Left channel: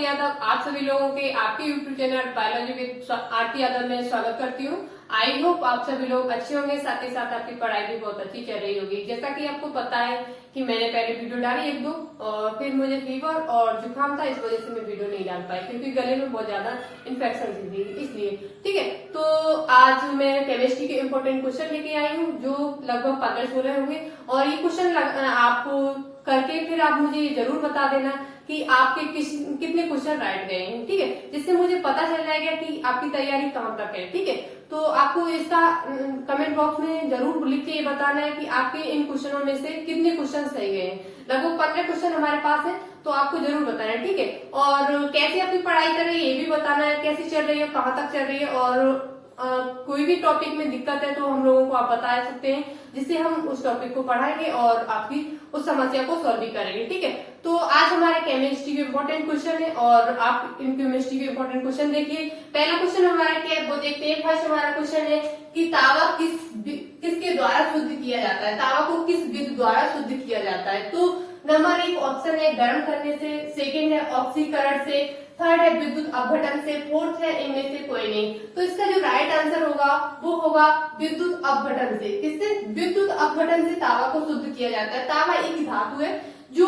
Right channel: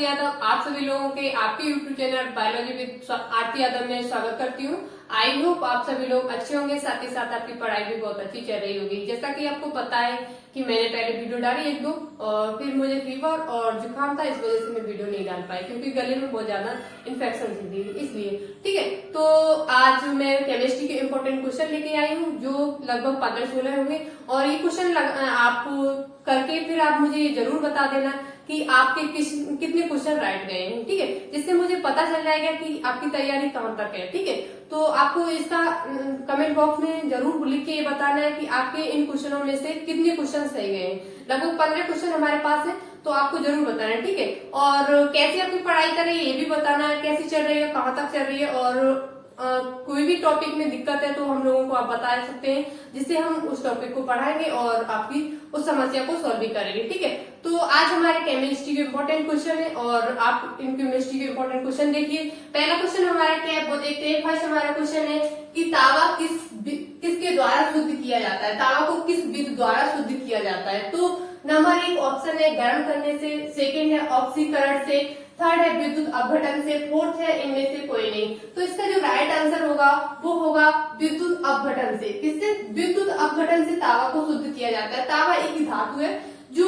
आरती यादव आप सभी लोगों के आपके YouTube channel biology with Aarti Yadav में स्वागत करती हूँ। आई होप आप सभी लोग अच्छे होंगे, साथ ही साथ आपकी पढ़ाई भी बहुत अच्छी चल रही होगी। जैसा कि आपको पता है कि मैंने पहले वीडियो डाली एक दो, और फिर मुझे फीवर और जुकाम था, इस वजह से मैं वीडियो नहीं डाल पाई क्योंकि गले में बहुत ज्यादा इन्फेक्शन थी, इसलिए। ठीक है, तो आज मैं केमिस्ट्री के इम्पोर्टेंट क्वेश्चन लेके आई हूँ जो लगभग 15-16 होंगे, और ये क्वेश्चन आप करके फिर आप मुझे जरूर बता देना कि आपके कितने क्वेश्चन राइट गए हैं। ठीक है, जिससे मुझे पता चल जाएगा कि आपकी तैयारी कहाँ तक है। ठीक है, तो आपको इसका कमेंट बॉक्स में जरूर लिख के ये बताना है कि आपके इन क्वेश्चनों में से कितने क्वेश्चन सही गए हैं। लगभग 15 क्वेश्चन हमारे पास है, तो आपको जरूर बताना है। ठीक है, और कैसे आपकी पढ़ाई कर रही है ये भी बताना है, कैसी चल रही है, कहाँ तक चल रही है, और कोई भी टॉपिक में दिक्कत है तो हम लोगों को आप बता सकते हैं, जिससे हम उस टॉपिक को पढ़ाएंगे और आपकी उस समस्या को सॉल्व भी करेंगे। ठीक है, तो आज हमारे केमिस्ट्री के इम्पोर्टेंट क्वेश्चन है और आप इन केमिस्ट्री के इम्पोर्टेंट क्वेश्चन देखिए। पहला क्वेश्चन हमारा क्या है वो देखते हैं। फर्स्ट हमारा क्वेश्चन है कि तावा किसके द्वारा शुद्ध किया जाता है, तावा को किस विधि द्वारा शुद्ध किया जाता है। तो नंबर 1 ऑप्शन है गर्म करने से, सेकंड है ऑक्सीकरण से, थर्ड है विद्युत अपघटन से, फोर्थ है इनमें से कोई नहीं। तो इसका जो राइट आंसर होगा वो होगा विद्युत अपघटन से। किससे? विद्युत अपघटन से तावा को शुद्ध किया जाता है। तावा एक धातु है जो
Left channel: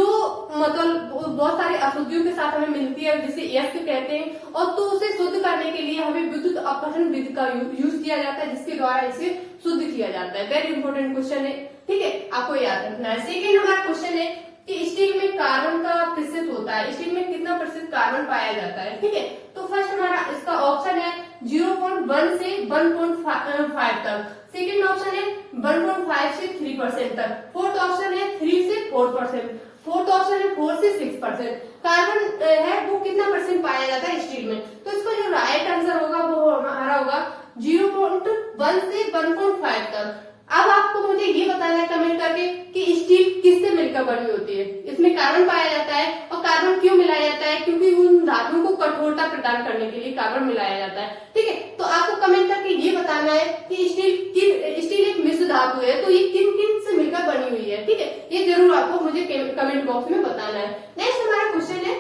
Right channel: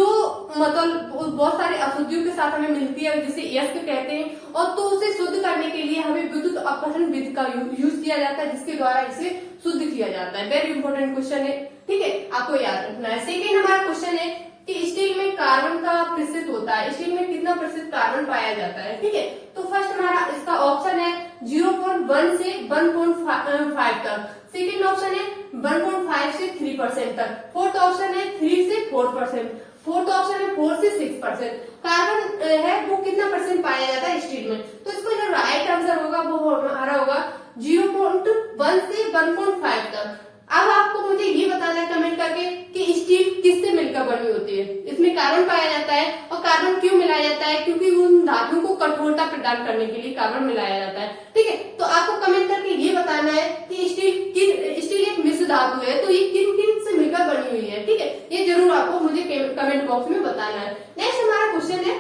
मतलब बहुत सारे अशुद्धियों के साथ हमें मिलती है, जिसे यस्क कहते हैं, और तो उसे शुद्ध करने के लिए हमें विद्युत अपघटन विधि का यूज किया जाता है, जिसके द्वारा इसे शुद्ध किया जाता है। वेरी इंपॉर्टेंट क्वेश्चन है। ठीक है, आपको याद रखना है। सेकेंड हमारा क्वेश्चन है कि स्टील में कार्बन का प्रतिशत होता है, स्टील में कितना प्रतिशत कार्बन पाया जाता है। ठीक है, तो फर्स्ट हमारा इसका ऑप्शन है 0.1 से 1.5 तक, सेकेंड ऑप्शन है 1.5 से 3% तक, फोर्थ ऑप्शन है 3 से 4%, फोर्थ ऑप्शन है 4 से 6%। कार्बन है वो कितना परसेंट पाया जाता है स्टील में। तो इसका जो राइट आंसर होगा वो हमारा होगा 0.1 से 1.5 तक। अब आपको मुझे ये बताना है कमेंट करके कि स्टील किससे मिलकर बनी होती है। इसमें कार्बन पाया जाता है, और कार्बन क्यों मिलाया जाता है? क्योंकि उन धातुओं को कठोरता प्रदान करने के लिए कार्बन मिलाया जाता है। ठीक है, तो आपको कमेंट करके ये बताना है कि स्टील एक मिश्र धातु है, तो ये किन किन से मिलकर बनी हुई है। ठीक है, ये जरूर आपको मुझे कमेंट बॉक्स में बताना है। नेक्स्ट हमारा क्वेश्चन है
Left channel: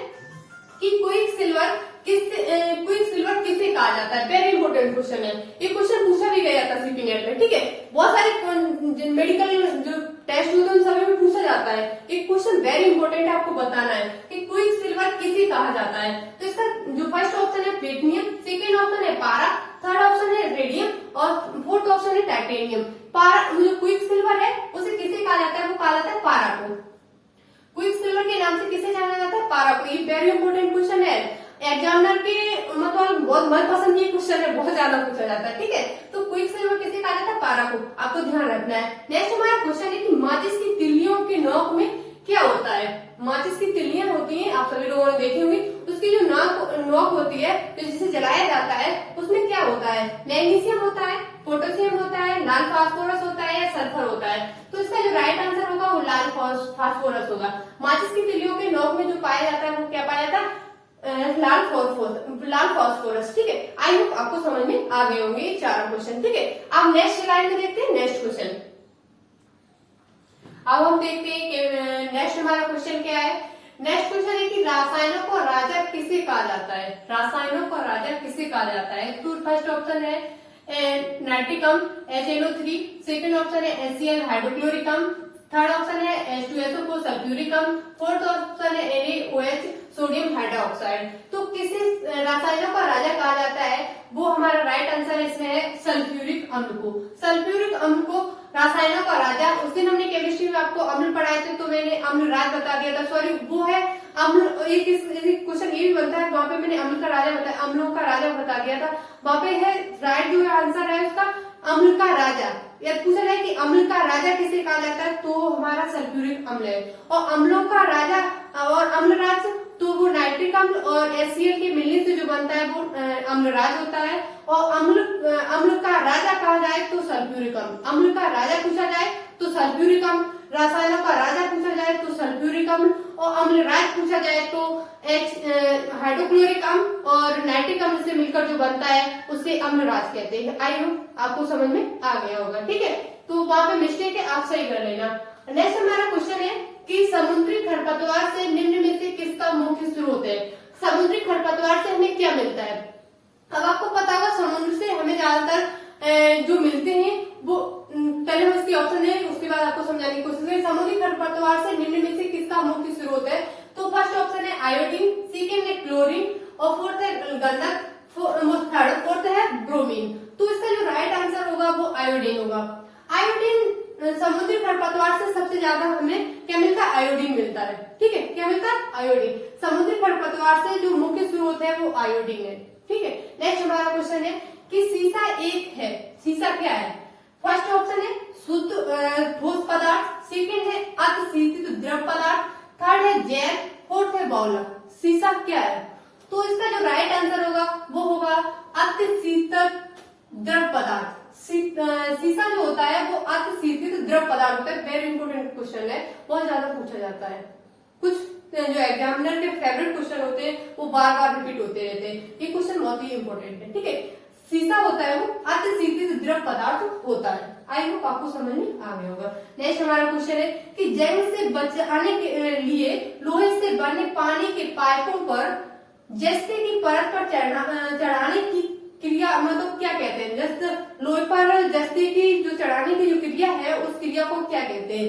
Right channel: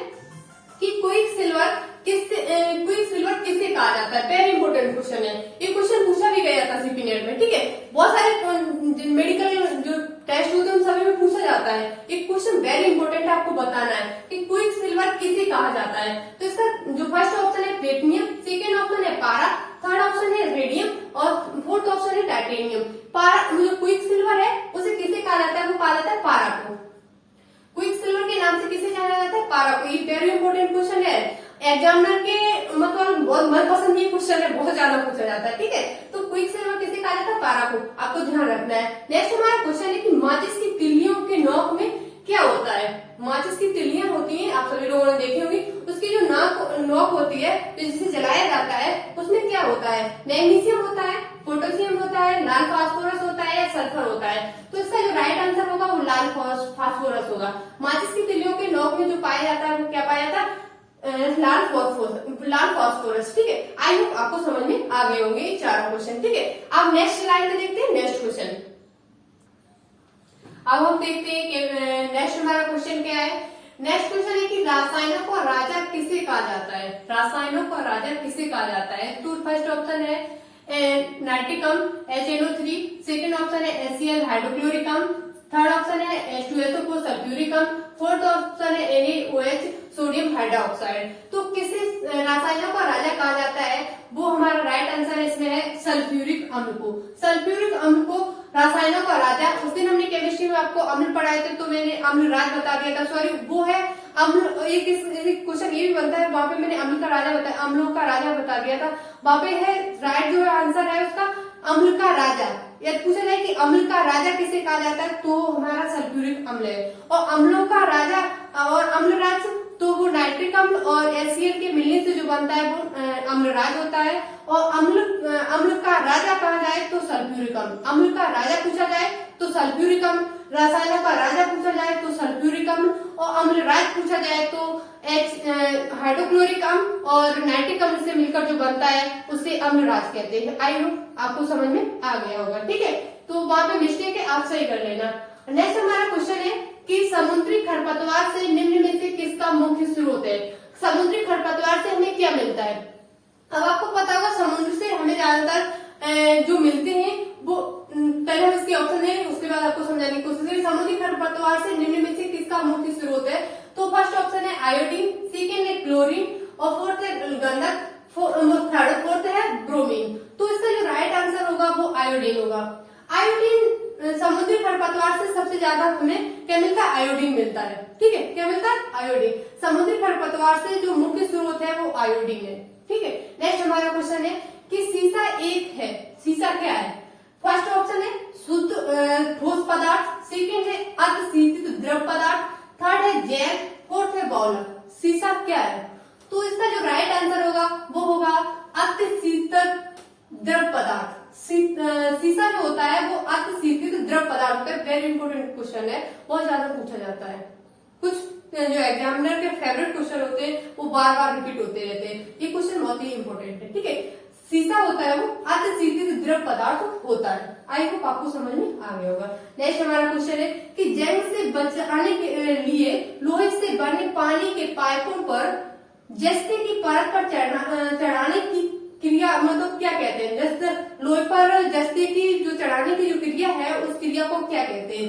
कि क्विक सिल्वर किसे कहा जाता है। वेरी इंपॉर्टेंट क्वेश्चन है, ये क्वेश्चन पूछा भी गया था सीपी नेट में। ठीक है, बहुत सारे मेडिकल जो टेस्ट होते हैं उन सभी में पूछा जाता है। एक क्वेश्चन वेरी इंपॉर्टेंट आपको बताना है कि क्विक सिल्वर किसे कहा जाता है। तो इसका जो फर्स्ट ऑप्शन है प्लेटिनियम, सेकेंड ऑप्शन है पारा, थर्ड ऑप्शन है रेडियम, और फोर्थ ऑप्शन है टाइटेनियम। पारा जो क्विक सिल्वर है उसे किसे कहा जाता है? वो कहा जाता है पारा को। क्विक सिल्वर के नाम से किसे जाना जाता है? पारा को। ये वेरी इंपॉर्टेंट क्वेश्चन है, एग्जामिनर के मतलब बहुत मनपसंद ये क्वेश्चन है, बहुत ज्यादा पूछा जाता है। ठीक है, तो क्विक सिल्वर किसे कहा जाता है? पारा को। आपको ध्यान रखना है। नेक्स्ट हमारा क्वेश्चन है कि माचिस की तिल्लियों के नोक में क्या होता है। माचिस की तिल्लियां होती हैं, आप सभी लोगों ने देखी होंगी, उसकी जो नोक होती है तो जिसे जलाया जाता है उसमें क्या होता है? मैग्नीशियम होता है, पोटेशियम होता है, लाल फास्फोरस होता है, या सल्फर होता है। तो इसका जो राइट आंसर होगा वो लाल फास्फोरस होगा। माचिस की तिल्लियों के नोक में जो पाया जाता है वो क्या पाया जाता है? लाल फास्फोरस। ठीक है, आई होप आपको समझ में आ गए होंगे ये चार क्वेश्चन। ठीक है, अब नेक्स्ट स्लाइड में देखते हैं नेक्स्ट क्वेश्चन। अब हम देखते हैं कि नेक्स्ट हमारा क्वेश्चन क्या है। नेक्स्ट क्वेश्चन है कि रासायनों का राजा किसे कहा जाता है। रासायनों का राजा किसे कहा जाता है। तो फर्स्ट ऑप्शन है नाइट्रिकम HNO3, सेकंड ऑप्शन है HCl हाइड्रोक्लोरिकम, थर्ड ऑप्शन है H2SO4 सल्फ्यूरिकम, फोर्थ ऑप्शन है NaOH सोडियम हाइड्रोक्साइड। तो किसे रासायनों का राजा कहा जाता है? वो हमारा राइट आंसर इसमें है सल्फ्यूरिक अम्ल को। सल्फ्यूरिक अम्ल को रासायनों का राजा, उस दिन हमने केमिस्ट्री में आपको अम्ल पढ़ाए थे तो मैंने अम्ल राज बता दिया था, सॉरी वो है अम्ल। एक क्वेश्चन ये भी बनता है, वहां पे मैंने अम्ल का राजा बताया, अम्लों का राजा बता दिया था। वहां पे है राइट जो आंसर है उसका अम्ल का राजा। या पूछा जाए कि अम्ल का राजा किसे कहा जाता है, तो हमारा सल्फ्यूरिक अम्ल है। और अम्लों का राजा और अम्लराज तो वो नाइट्रिक अम्ल और HCl के मिलने से जो बनता है वो अम्लराज होता है। और अम्ल का राजा कहा जाए तो सल्फ्यूरिक अम्ल। अम्ल का राजा पूछा जाए तो सल्फ्यूरिक अम्ल, रसायनों का राजा पूछा जाए तो सल्फ्यूरिक अम्ल, और अम्लराज पूछा जाए तो हाइड्रोक्लोरिक अम्ल और नाइट्रिक अम्ल से मिलकर जो बनता है उसे अम्लराज कहते हैं। आई होप आपको समझ में आ गया होगा। ठीक है, तो वहां पे मिस्टेक है, आप सही कर लेना। नेक्स्ट हमारा क्वेश्चन है कि समुद्री खरपतवार से निम्न में से किसका मुख्य स्रोत है। समुद्री खरपतवार से हमें क्या मिलता है? अब आपको पता होगा समुद्र से हमें ज्यादातर जो मिलते हैं वो पहले हम इसके ऑप्शन है, उसके बाद आपको समझाने की कोशिश करें। समुद्री खरपतवार से निम्न में से किसका मुख्य स्रोत है? तो फर्स्ट ऑप्शन है आयोडीन, सेकेंड है क्लोरीन और फोर्थ है गंधक, फोर्थ है ब्रोमीन। तो इसका जो राइट आंसर होगा वो आयोडीन होगा। आयोडीन समुद्री खरपतवार से सबसे ज्यादा हमें क्या मिलता है? आयोडीन मिलता है। ठीक है, क्या मिलता है? आयोडीन। समुद्री खरपतवार से जो मुख्य स्रोत है वो आयोडीन है। ठीक है, नेक्स्ट हमारा क्वेश्चन है कि सीसा एक है, सीसा क्या है? फर्स्ट ऑप्शन है शुद्ध ठोस पदार्थ, सेकेंड है अर्धशीतित द्रव पदार्थ, थर्ड है जैव, फोर्थ है बहुलक। सीसा क्या है? तो इसका जो राइट आंसर होगा वो होगा अर्धशीतित द्रव पदार्थ। सीसा जो होता है वो अर्धशीतित द्रव पदार्थ होता है। वेरी इंपॉर्टेंट क्वेश्चन है, बहुत ज्यादा पूछा जाता है। कुछ जो एग्जामिनर के फेवरेट क्वेश्चन होते हैं वो बार बार रिपीट होते रहते हैं। ये क्वेश्चन बहुत ही इंपॉर्टेंट है। ठीक है, सीसा होता है वो अर्धशीतित द्रव पदार्थ होता है। आई होप आपको समझ में आ गया होगा। नेक्स्ट हमारा क्वेश्चन है कि जंग से बचाने के लिए लोहे से बने पानी के पाइपों पर जस्ते की परत पर चढ़ाने की क्रिया मतलब क्या कहते हैं? जस्ट लोहे पर जस्ते की जो चढ़ाने की जो क्रिया है उस क्रिया को क्या कहते हैं?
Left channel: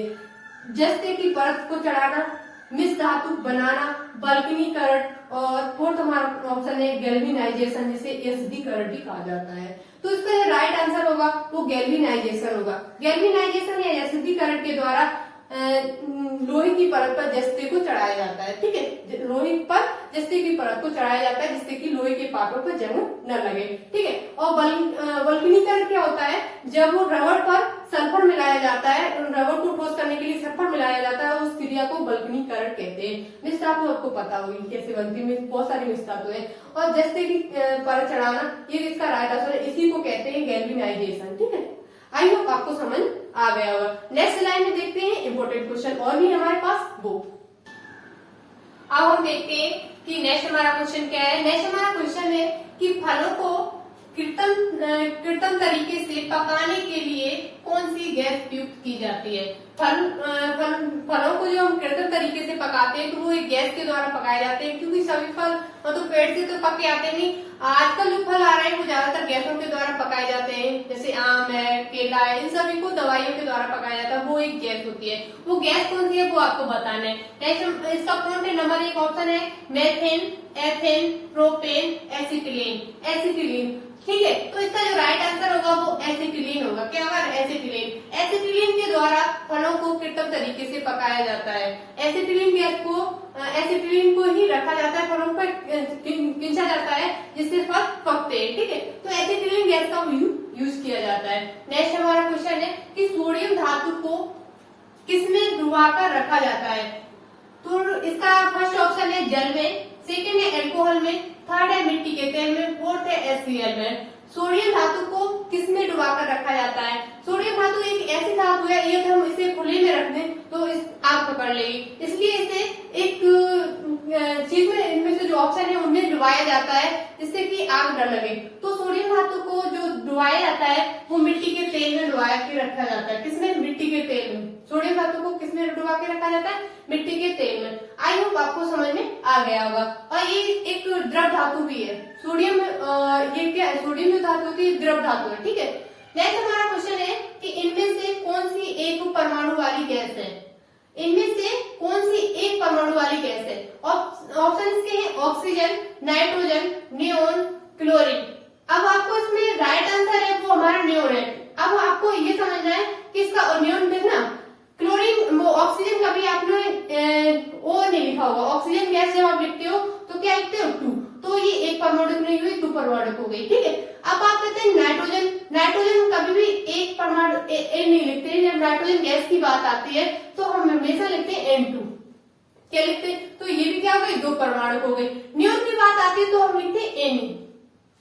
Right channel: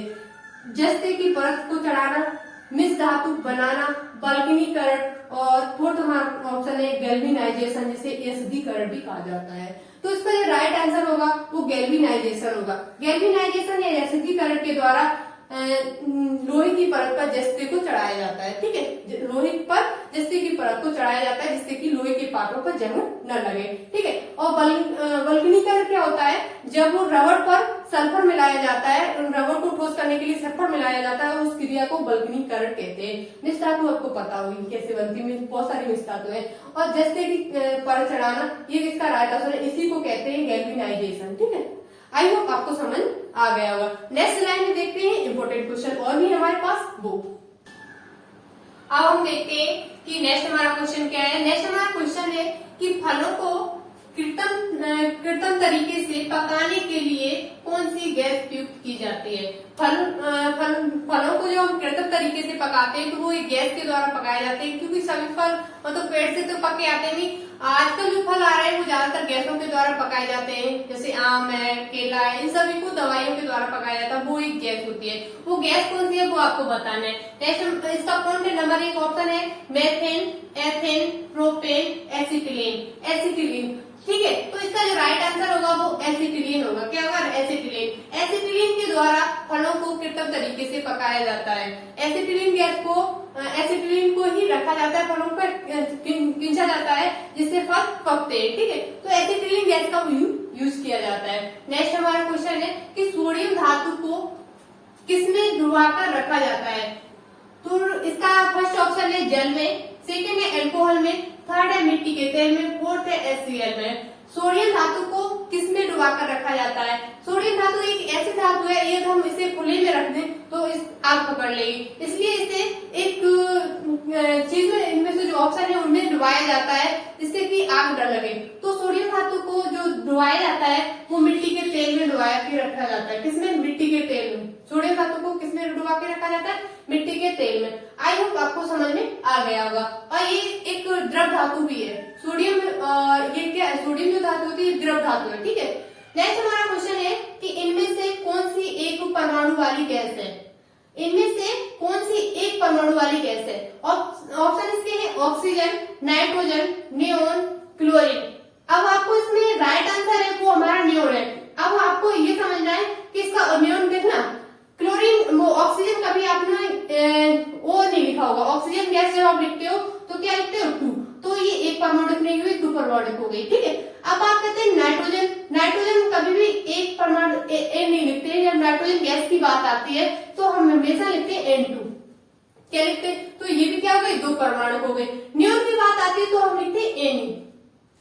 जस्ते की परत को चढ़ाना, मिश्र धातु बनाना, बल्कनीकरण और फोर्थ हमारा ऑप्शन है गैल्वेनाइजेशन, जिसे एसिडीकरण भी कहा जाता है। तो इसका जो राइट आंसर होगा वो गैल्वेनाइजेशन होगा। गैल्वेनाइजेशन या एसिडीकरण के द्वारा लोहे की परत पर जस्ते को चढ़ाया जाता है। ठीक है, लोहे पर जस्ते की परत को चढ़ाया जाता है जिससे कि लोहे के पाटों पर जंग न लगे। ठीक है, और वल्कनीकरण क्या होता है? जब वो रबड़ पर सल्फर मिलाया जाता है, रबड़ को ठोस करने के लिए सल्फर मिलाया जाता है, उस क्रिया को वल्कनीकरण कहते हैं। मिश्र धातु आपको पता होगी कैसे बनती है, बहुत सारी मिश्र धातु है। और जस्ते की परत चढ़ाना, ये इसका राइट आंसर है, इसी को कहते हैं गैल्वेनाइजेशन। ठीक है, आई होप आपको समझ आ गया होगा। नेक्स्ट लाइन में देखते हैं इंपॉर्टेंट क्वेश्चन और भी हमारे पास वो। अब हम देखते हैं कि नेक्स्ट हमारा क्वेश्चन क्या है। नेक्स्ट हमारा क्वेश्चन है कि फलों को कृत्रिम तरीके से पकाने के लिए कौन सी गैस प्रयुक्त की जाती है? फलों को जो हम कृत्रिम तरीके से पकाते हैं तो वो एक गैस के द्वारा पकाए जाते हैं, क्योंकि सभी फल मतलब पेड़ से तो पके आते नहीं। आजकल जो फल आ रहे हैं वो ज्यादातर गैसों के द्वारा पकाए जाते हैं, जैसे आम है, केला है, इन सभी को दवाइयों के द्वारा पकाया जाता है। वो एक गैस होती है। वो गैस कौन सी है वो आपको बताना है। नेक्स्ट इसका कौन है? नंबर एक ऑप्शन है मेथेन, एथेन, प्रोपेन, एसिटिलीन। ठीक है, तो इसका जो राइट आंसर होगा वो एसिटिलीन होगा। क्या होगा? एसिटिलीन। एसिटिलीन के द्वारा फलों को कृत्रिम तरीके से पकाया जाता है। एसिटिलीन को ही रखा जाता है, फलों पर खींचा जाता है जिससे फल पकते हैं। ठीक है, तो एसिटिलीन गैस का यूज किया जाता है। नेक्स्ट हमारा क्वेश्चन है कि सोडियम धातु को किसमें डुबाकर रखा जाता है? तो इसका फर्स्ट ऑप्शन है जल में, सेकेंड है अल्कोहल में, थर्ड है मिट्टी के तेल में, फोर्थ है HCl में। सोडियम धातु को किसमें डुबाकर रखा जाता है? सोडियम धातु एक ऐसी धातु है, ये हम इसे खुले में रख दें तो इस आग पकड़ लेगी, इसलिए इसे एक चीज में इनमें से जो ऑप्शन है उनमें डुबाया जाता है जिससे कि आग न लगे। तो सोडियम धातु को जो डुबाया जाता है वो मिट्टी के तेल में डुबा के रखा जाता है। किसमें? मिट्टी के तेल में। सोडियम धातु को किसमें डुबा के रखा जाता है? मिट्टी के तेल में। आई होप आपको समझ में आ गया होगा। और ये एक द्रव धातु भी है। सोडियम ये क्या है? सोडियम जो धातु होती है द्रव धातु है। ठीक है, नेक्स्ट हमारा क्वेश्चन है कि इनमें से कौन सी एक परमाणु वाली गैस है? इनमें से कौन सी एक परमाणु वाली गैस है? ऑप्शन इसके हैं ऑक्सीजन, नाइट्रोजन, नियोन, क्लोरीन। अब आपको इसमें राइट आंसर है वो हमारा नियोन है। अब आपको ये समझना है कि इसका नियोन देखना, क्लोरीन वो ऑक्सीजन कभी आपने ओ नहीं लिखा होगा। ऑक्सीजन गैस जब आप लिखते हो तो क्या लिखते हो? 2, तो ये एक परमाणु नहीं हुई, 2 परमाणु हो गई। ठीक है, अब आप कहते हैं नाइट्रोजन। नाइट्रोजन कभी भी एक परमाणु नहीं लिखते हैं। जब नाइट्रोजन गैस की बात आती है तो हम हमेशा लिखते हैं N2। क्या लिखते हैं? तो ये भी क्या हो गई? 2 परमाणु हो गई। नियोन की बात आती है तो हम लिखते हैं Ne।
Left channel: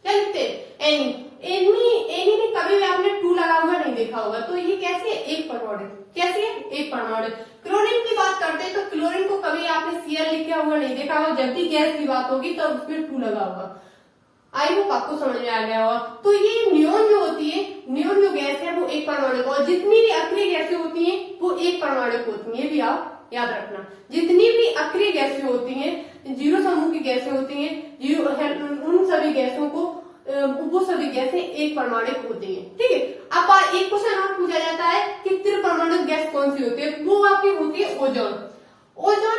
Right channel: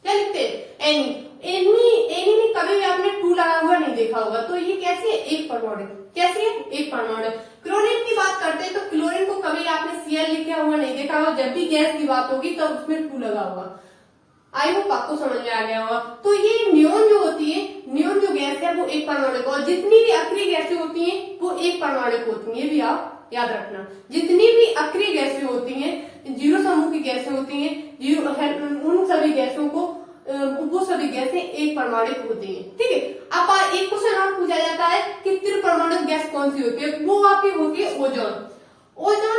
क्या लिखते हैं? Ne में कभी भी आपने 2 लगा हुआ नहीं देखा होगा, तो ये कैसी है? एक परमाणु। कैसी है? एक परमाणु। क्लोरीन की बात करते हैं तो क्लोरीन को कभी आपने Cl लिखा हुआ नहीं देखा होगा। जब भी गैस की बात होगी तो उसमें 2 लगा होगा। आई होप आपको समझ में आ गया होगा। तो ये नियोन जो होती है, नियोन जो गैस है वो एक परमाणु को, और जितनी भी अक्रिय गैसें होती हैं वो एक परमाणु होती है। ये भी आप याद रखना। जितनी भी अक्रिय गैसें होती हैं, जीरो समूह की गैसें होती हैं, उन सभी गैसों को वो सभी गैसें एक परमाणुक होती हैं। ठीक है, अब एक क्वेश्चन और पूछा जाता है कि त्रिपरमाणुक गैस कौन सी होती है? वो आपकी होती है ओजोन। ओजोन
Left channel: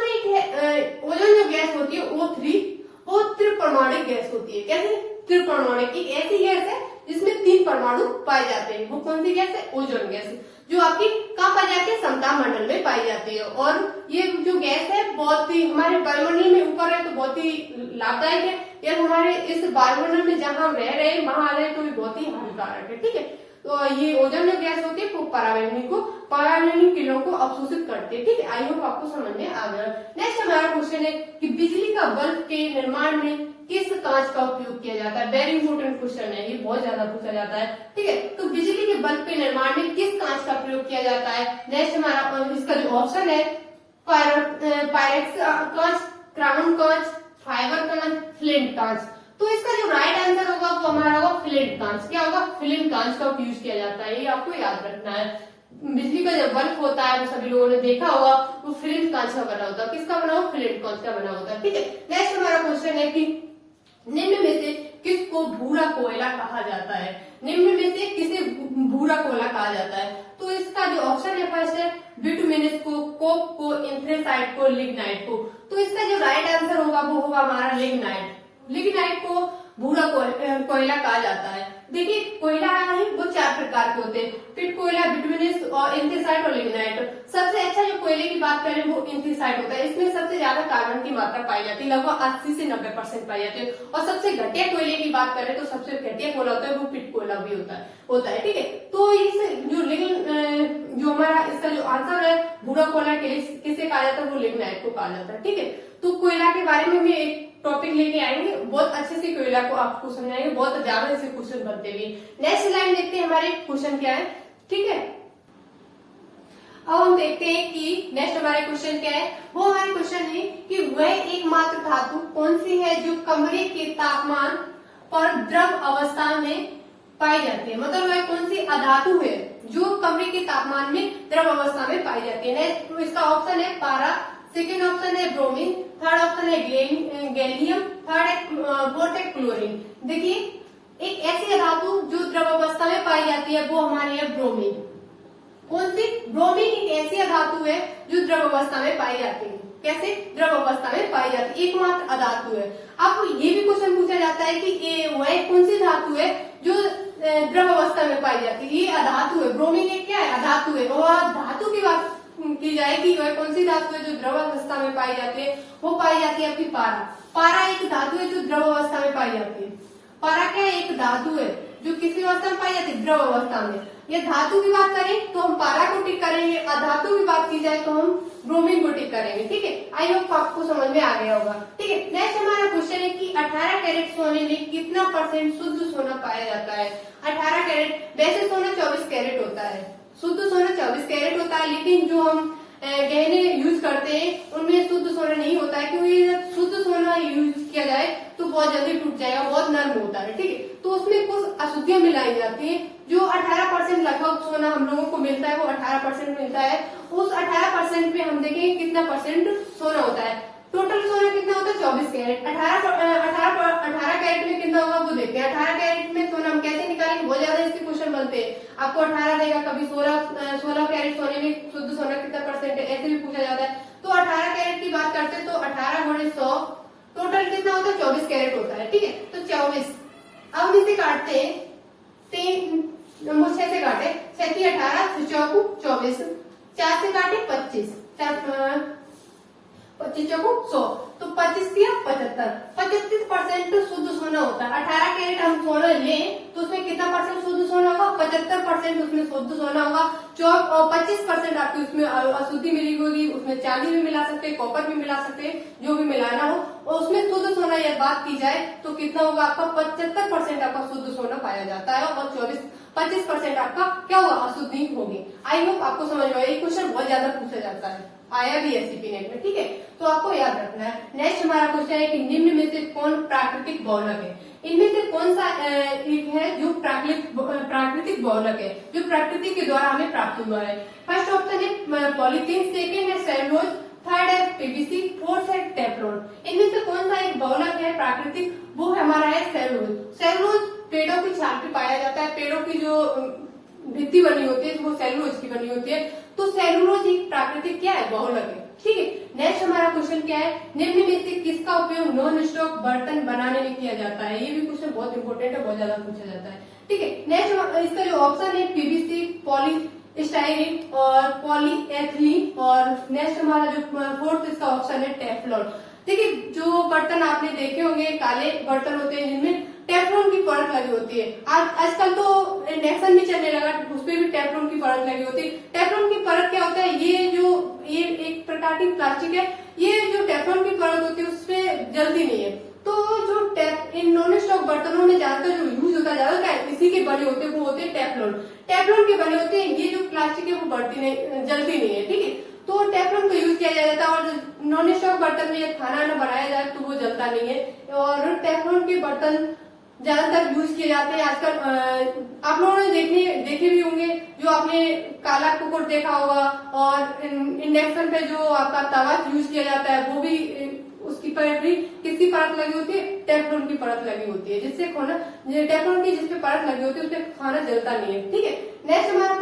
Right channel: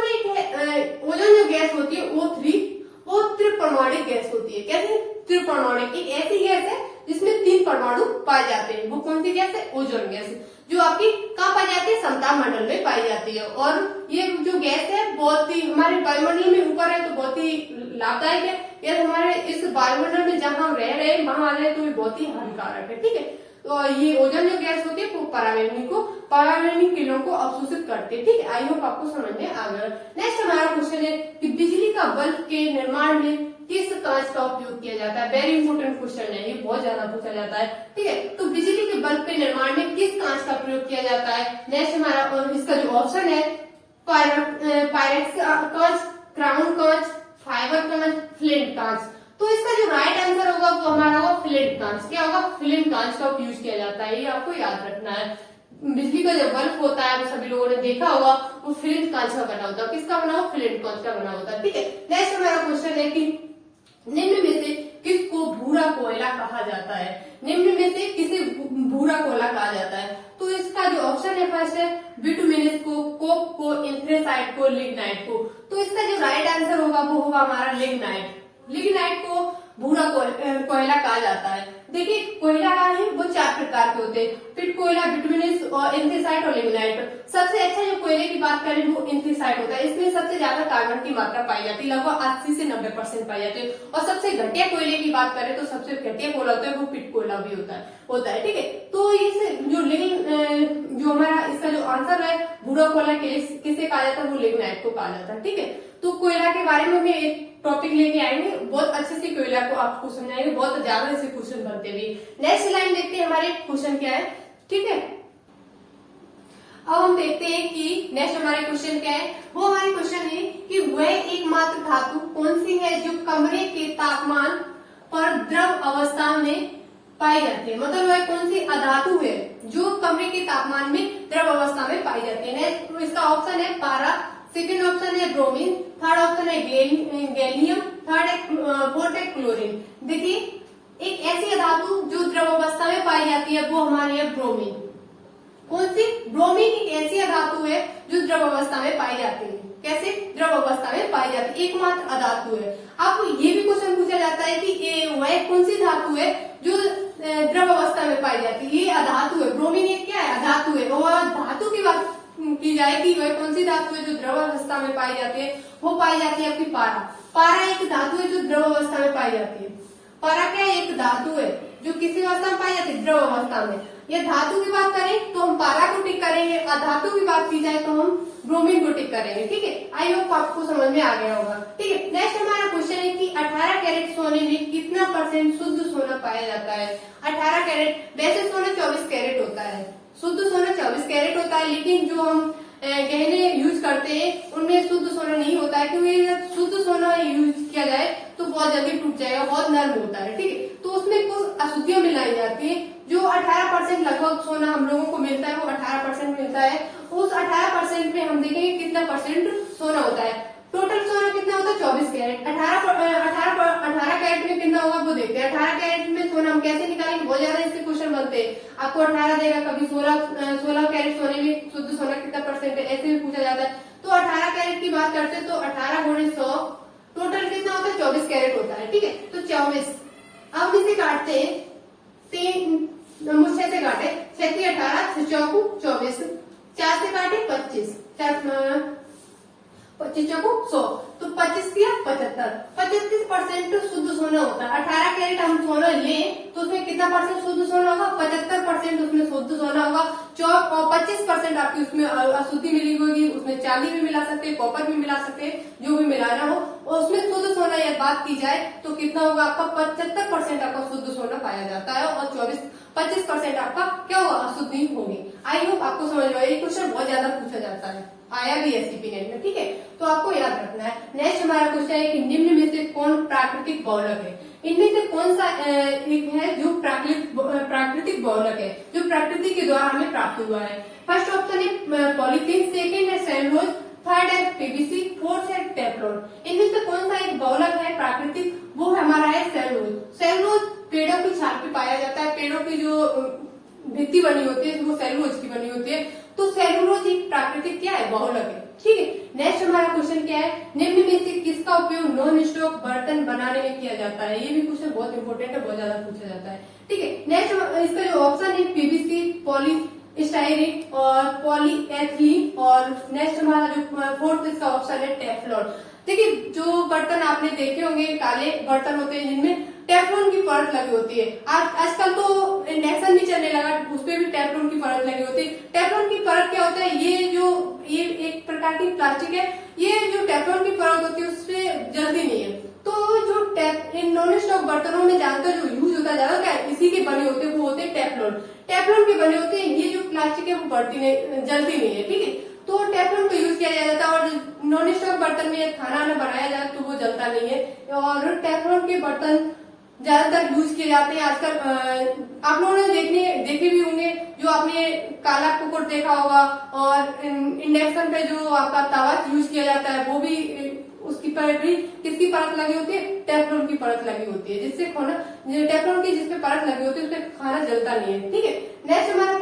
ओजोन जो गैस होती है O3, वो त्रिपरमाणुक गैस होती है। कैसे त्रिपरमाणुक? एक ऐसी गैस है जिसमें 3 परमाणु पाए जाते हैं। वो कौन सी गैस है? ओजोन गैस, जो आपकी कहाँ पाई जाती है? समताप मंडल में पाई जाती है। और ये जो गैस है बहुत ही हमारे वायुमंडल में ऊपर है तो बहुत ही लाभदायक है। यदि हमारे इस वायुमंडल में जहाँ हम रह रहे हैं वहां आ रहे हैं तो ये बहुत ही हानिकारक है। ठीक है, तो ये ओजोन जो गैस होती है वो परावैंगनी किरणों को अवशोषित करती है। ठीक है, आई होप आपको समझ में आ गया। नेक्स्ट हमारा क्वेश्चन है कि बिजली का बल्ब के निर्माण में किस कांच का उपयोग किया जाता है? वेरी इंपोर्टेंट क्वेश्चन है, ये बहुत ज्यादा पूछा जाता है। ठीक है, तो बिजली के बल्ब के निर्माण में किस कांच का प्रयोग किया जाता है? नेक्स्ट हमारा इसका जो ऑप्शन है पायरेक्स कांच, क्राउन कांच, फाइबर कांच, फ्लिंट कांच। तो इसका जो राइट आंसर होगा वो हमारा होगा फ्लिंट कांच। क्या होगा? फ्लिंट कांच का यूज किया जाता है, ये आपको याद रखना है। बिजली का जब बल्ब होता है तो सभी लोगों ने देखा होगा वो फ्लिंट कांच का बना होता है। किसका बना हो? फ्लिंट कांच का बना होता है। ठीक है, नेक्स्ट हमारा क्वेश्चन है कि निम्न में से किसको भूरा कोयला कहा जाता है? निम्न में से किसे भूरा कोयला कहा जाता है? तो इसका जो ऑप्शन है फर्स्ट है बिटुमिनस को, कोक को, एंथ्रेसाइट को, लिग्नाइट को। तो इसका जो राइट आंसर होगा वो होगा हमारा लिग्नाइट। लिग्नाइट को भूरा कोयला कहा जाता है। देखिए कोयला है वो 4 प्रकार के होते हैं, पिट कोयला, बिटुमिनस और एंथ्रेसाइट और लिग्नाइट। सबसे अच्छा जो कोयले की बात करें वो एंथ्रेसाइट होता है। इसमें सबसे ज्यादा कार्बन की मात्रा पाई जाती है, लगभग 80 से 90% पाई जाती है। और सबसे घटिया कोयले की बात करें तो सबसे घटिया कोयला होता है वो पिट कोयला भी होता है। ठीक है, तो इस जो हमारा इसका जो आंसर है भूरा कोयला किसे कहा जाता है? वो लिग्नाइट को कहा जाता है। ठीक है, तो कोयला के बारे में हम एक टॉपिक लेके आएंगे, बहुत अच्छे से कोयला को आपको समझाएंगे, बहुत ज्यादा ऐसे क्वेश्चन बनते भी। नेक्स्ट लाइन देखते हैं हमारे क्वेश्चन क्या है। ठीक है, अब हम देखते हैं कि नेक्स्ट हमारे क्वेश्चन क्या है। वो हमारे क्वेश्चन है कि वह एकमात्र धातु कौन सी है जो कमरे के तापमान पर द्रव अवस्था में पाई जाती है? मतलब वह कौन सी अधातु है जो कमरे के तापमान में द्रव अवस्था में पाई जाती है? नेक्स्ट इसका ऑप्शन है पारा, सेकेंड ऑप्शन है ब्रोमीन, थर्ड ऑप्शन है गैलियम, फोर्थ है क्लोरीन। देखिए एक ऐसी धातु जो द्रव अवस्था में पाई जाती है वो हमारी है ब्रोमीन। कौन सी? ब्रोमीन एक ऐसी धातु है जो द्रव अवस्था में पाई जाती है। कैसे? द्रव अवस्था में पाई जाती है, एकमात्र अधातु है। अब ये भी क्वेश्चन पूछा जाता है कि वह कौन सी धातु है जो द्रव अवस्था में पाई जाती है? ये अधातु है, ब्रोमीन एक क्या है? अधातु है। और धातु की बात की जाए कि वह कौन सी धातु है जो द्रव अवस्था में पाई जाती है? वो पाई जाती है आपकी पारा। पारा एक धातु है जो द्रव अवस्था में पाई जाती है। पारा क्या है? एक धातु है जो किसी अवस्था में पाई जाती है? द्रव अवस्था में। ये धातु की बात करें तो हम पारा को टिक करेंगे, अधातु की बात की जाए तो हम ब्रोमीन को टिक करेंगे। ठीक है, आई होप आपको समझ में आ गया होगा। ठीक है, नेक्स्ट हमारा क्वेश्चन है कि 18 कैरेट सोने में कितना % शुद्ध सोना पाया जाता है? 18 कैरेट, वैसे सोना 24 कैरेट होता है, शुद्ध सोना 24 कैरेट होता है, लेकिन जो हम गहने यूज करते हैं उनमें शुद्ध सोना नहीं होता है, क्योंकि शुद्ध सोना यूज किया जाए तो बहुत जल्दी टूट जाएगा, बहुत नर्म होता है। ठीक है, तो उसमें कुछ अशुद्धियां मिलाई जाती है। जो 18% लगभग सोना हम लोगों को मिलता है वो 18% मिलता है। उस 18% में हम देखेंगे कितना % सोना होता है। टोटल सोना कितना होता है? 24 कैरेट। 18 कैरेट में कितना होगा वो देखते हैं। 18 कैरेट में सोना हम कैसे निकालेंगे? बहुत ज्यादा इसके क्वेश्चन बनते हैं। आपको 18 देगा, कभी 16 कैरेट सोने में शुद्ध सोना कितना % है, ऐसे भी पूछा जाता है। तो 18 कैरेट की बात करते हैं तो 18 × 100 टोटल कितना होता है? 24 कैरेट होता है। ठीक है, तो 24। अब हम इसे काटते हैं, 3 6 से काटे, 6 × 18, 6 चौकू 24, 4 से काटे 25, 25 चौकू 100, तो 25 दिया 75, 75% शुद्ध सोना होता है। 18 कैरेट हम सोना लें तो उसमें कितना % शुद्ध सोना होगा? 75% उसमें शुद्ध सोना होगा। 25% आपकी उसमें अशुद्धि मिली होगी, उसमें चांदी भी मिला सकते हैं, कॉपर भी मिला सकते हैं, जो भी मिलाना हो। और उसमें शुद्ध सोना यह बात की जाए तो कितना होगा आपका? 75% आपका शुद्ध सोना पाया जाता है और 25% आपका क्या होगा? अशुद्धि होगी। आई होप आपको समझ में आया। ये क्वेश्चन बहुत ज्यादा पूछा जाता है, आया भी एससीपी नेट में। ठीक है, तो आपको याद रखना है। नेक्स्ट हमारा क्वेश्चन है कि निम्न में से कौन प्राकृतिक बहुलक है? इनमें से कौन सा एक है जो प्राकृतिक बहुलक है? जो प्रकृति के द्वारा हमें प्राप्त हुआ है। फर्स्ट ऑप्शन है पॉलीथीन, सेकेंड है सेलुलोज, थर्ड है पीवीसी, फोर्थ है टेफ्लॉन। इनमें से कौन सा एक बहुलक है प्राकृतिक, वो हमारा है सेलुलोज। सेलुलोज पेड़ों की छाल पे पाया जाता है, पेड़ों की जो भित्ति बनी होती है वो सेलुलोज की बनी होती है। तो सेलुलोज एक प्राकृतिक क्या है, बहुलक है। ठीक है, नेक्स्ट हमारा क्वेश्चन क्या है, निम्न में से किसका उपयोग नॉन स्टॉक बर्तन बनाने में किया जाता है। ये भी क्वेश्चन बहुत इंपॉर्टेंट है, बहुत ज्यादा पूछा जाता है। ठीक है, नेक्स्ट इसका जो ऑप्शन है पीवीसी, पॉलीस्टाइरीन और पॉलीएथिलीन, और नेक्स्ट हमारा जो फोर्थ इसका ऑप्शन है टेफ्लॉन। देखिए, जो बर्तन आपने देखे होंगे काले बर्तन होते हैं जिनमें टेफ्लॉन की परत लगी होती है। आजकल तो इंडक्शन भी चलने लगा, उसपे भी टेफ्लॉन की परत लगी होती है। टेफ्लॉन की परत क्या होता है, ये एक प्रकार की प्लास्टिक है, ये जो टेफ्लॉन की परत होती है उससे जलती नहीं है। तो जो इन नॉन स्टॉक बर्तनों में ज्यादातर जो यूज होता है, ज्यादातर इसी के बने होते हैं, वो होते हैं टेफ्लॉन। टेफ्लॉन के बने होते हैं, ये जो प्लास्टिक है वो बढ़ती नहीं, जलती नहीं है। ठीक है, तो टेफ्लॉन को यूज किया जाता है, और नॉन स्टॉक बर्तन में खाना ना बनाया जाए तो वो जलता नहीं है, और टेफ्लॉन के बर्तन ज्यादातर यूज किए जाते हैं आजकल। आप लोगों ने देखे भी होंगे, जो आपने काला कुकर देखा होगा, और इंडक्शन पे जो आपका तवा यूज किया जाता है वो भी उसकी पर भी किसकी परत लगी होती है, टेफ्लॉन की परत लगी होती है, जिससे खाना टेफ्लॉन की जिसपे परत लगी होती है उससे खाना जलता नहीं है। ठीक है, नेक्स्ट हमारा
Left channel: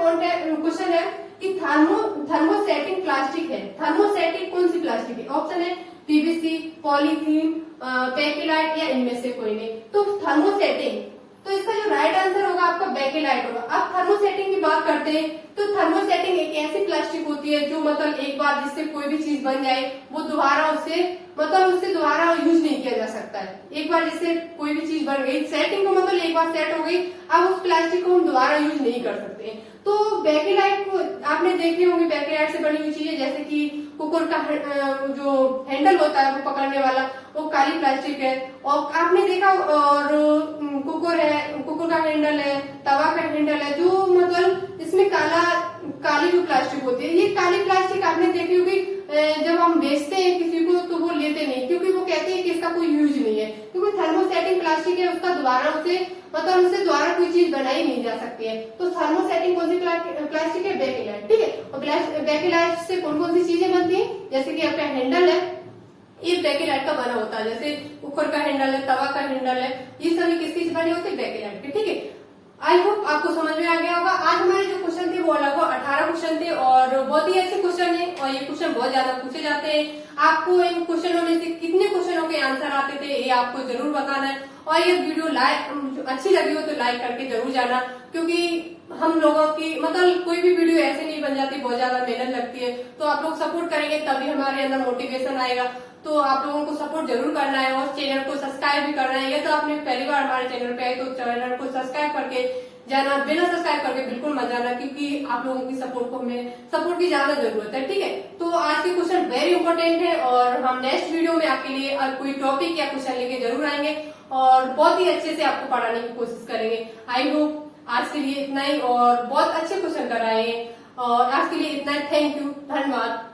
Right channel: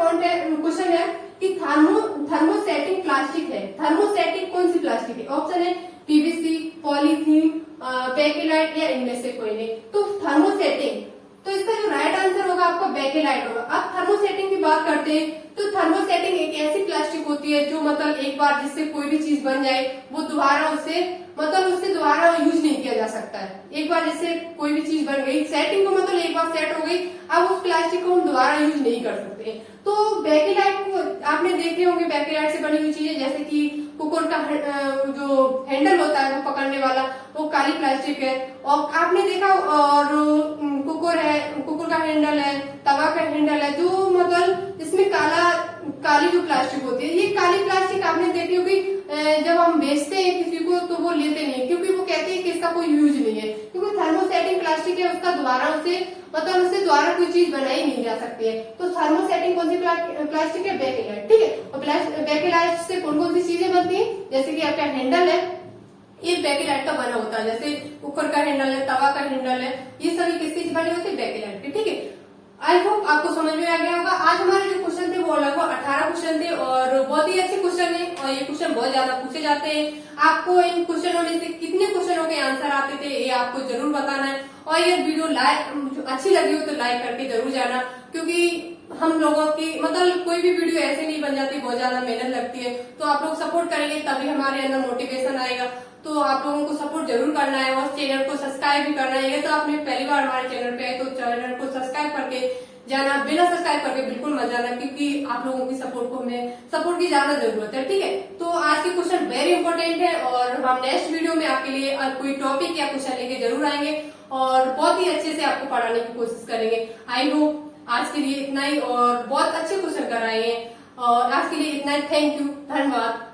क्वेश्चन है कि थर्मोसेटिंग प्लास्टिक है, थर्मोसेटिक कौन सी प्लास्टिक है। ऑप्शन है पीवीसी, पॉलीथीन, बेकेलाइट या इनमें से कोई नहीं। तो थर्मोसेटिंग, तो इसका जो राइट आंसर होगा आपका बेकेलाइट होगा। अब थर्मोसेटिंग की बात करते हैं, तो थर्मोसेटिंग एक ऐसी प्लास्टिक होती है जो मतलब एक बार जिससे कोई भी चीज बन जाए वो दोबारा उससे दोबारा यूज नहीं किया जा सकता है। एक बार जैसे कोई भी चीज बन गई, सेटिंग को मतलब एक बार सेट हो गई, अब उस प्लास्टिक को हम दोबारा यूज नहीं कर सकते। तो बेकेलाइट को आपने देखे होंगे, बेकेलाइट से बनी हुई चीजें जैसे कि कुकर का जो हैंडल होता है वो पकड़ने वाला, वो काली प्लास्टिक है। और आपने देखा, और कुकर का हैंडल है, तवा का हैंडल है, जो मतलब इसमें काली जो प्लास्टिक होती है, ये काली प्लास्टिक आपने देखी होगी। जब हम बेचते हैं किसी को तो वो लेते नहीं, क्योंकि वो कहते हैं कि इसका कोई यूज नहीं है, क्योंकि थर्मोसेटिंग प्लास्टिक है, उसका उससे दोबारा कोई चीज बनाई नहीं जा सकती है। तो थर्मोसेटिंग कौन सी प्लास्टिक है, बेकेलाइट। ठीक है, और बेकेलाइट से कौन कौन सी चीजें बनती है, जैसे कि आपका हैंडल है, ये बेकेलाइट का बना होता है, जैसे कुकर का हैंडल है, तवा का हैंडल है, ये सभी किसकी बने होते हैं, बेकेलाइट के। ठीक है, आई होप आपको समझ में आ गया होगा। आज हमारे जो क्वेश्चन थे वो लगभग 18 क्वेश्चन थे, और बहुत ही अच्छे क्वेश्चन है, और ये क्वेश्चन बहुत ज्यादा पूछे जाते हैं। आपको इन क्वेश्चनों में से कितने क्वेश्चनों के आंसर आते थे ये आपको जरूर बताना है, और ये वीडियो अच्छी लगी हो तो लाइक करके जरूर जाना, क्योंकि हम लोगों की मतलब कोई भी वीडियो ऐसे नहीं बन जाती, बहुत ज्यादा मेहनत लगती है। तो आप लोग सपोर्ट करेंगे तभी हमारे अंदर मोटिवेशन आएगा। तो आप लोगों को सपोर्ट जरूर करना है, और चैनल को सब्सक्राइब भी करना है। ये तो आपने पहली बार हमारे चैनल पे आए तो चैनल को सब्सक्राइब करके जाना, बिना सब्सक्राइब करके बिल्कुल मत जाना, क्योंकि आप लोगों की सपोर्ट की ज्यादा जरूरत है। ठीक है, तो आज के क्वेश्चन वेरी इंपॉर्टेंट है, और हम नेक्स्ट वीडियो में आपके लिए कोई टॉपिक या क्वेश्चन लेके जरूर आएंगे, और बहुत ही अच्छे से आपको पढ़ाने की कोशिश करेंगे। आई होप आज के लिए इतना ही, और बहुत अच्छे क्वेश्चन कराए हैं, और आज के लिए इतना ही। थैंक यू, धन्यवाद।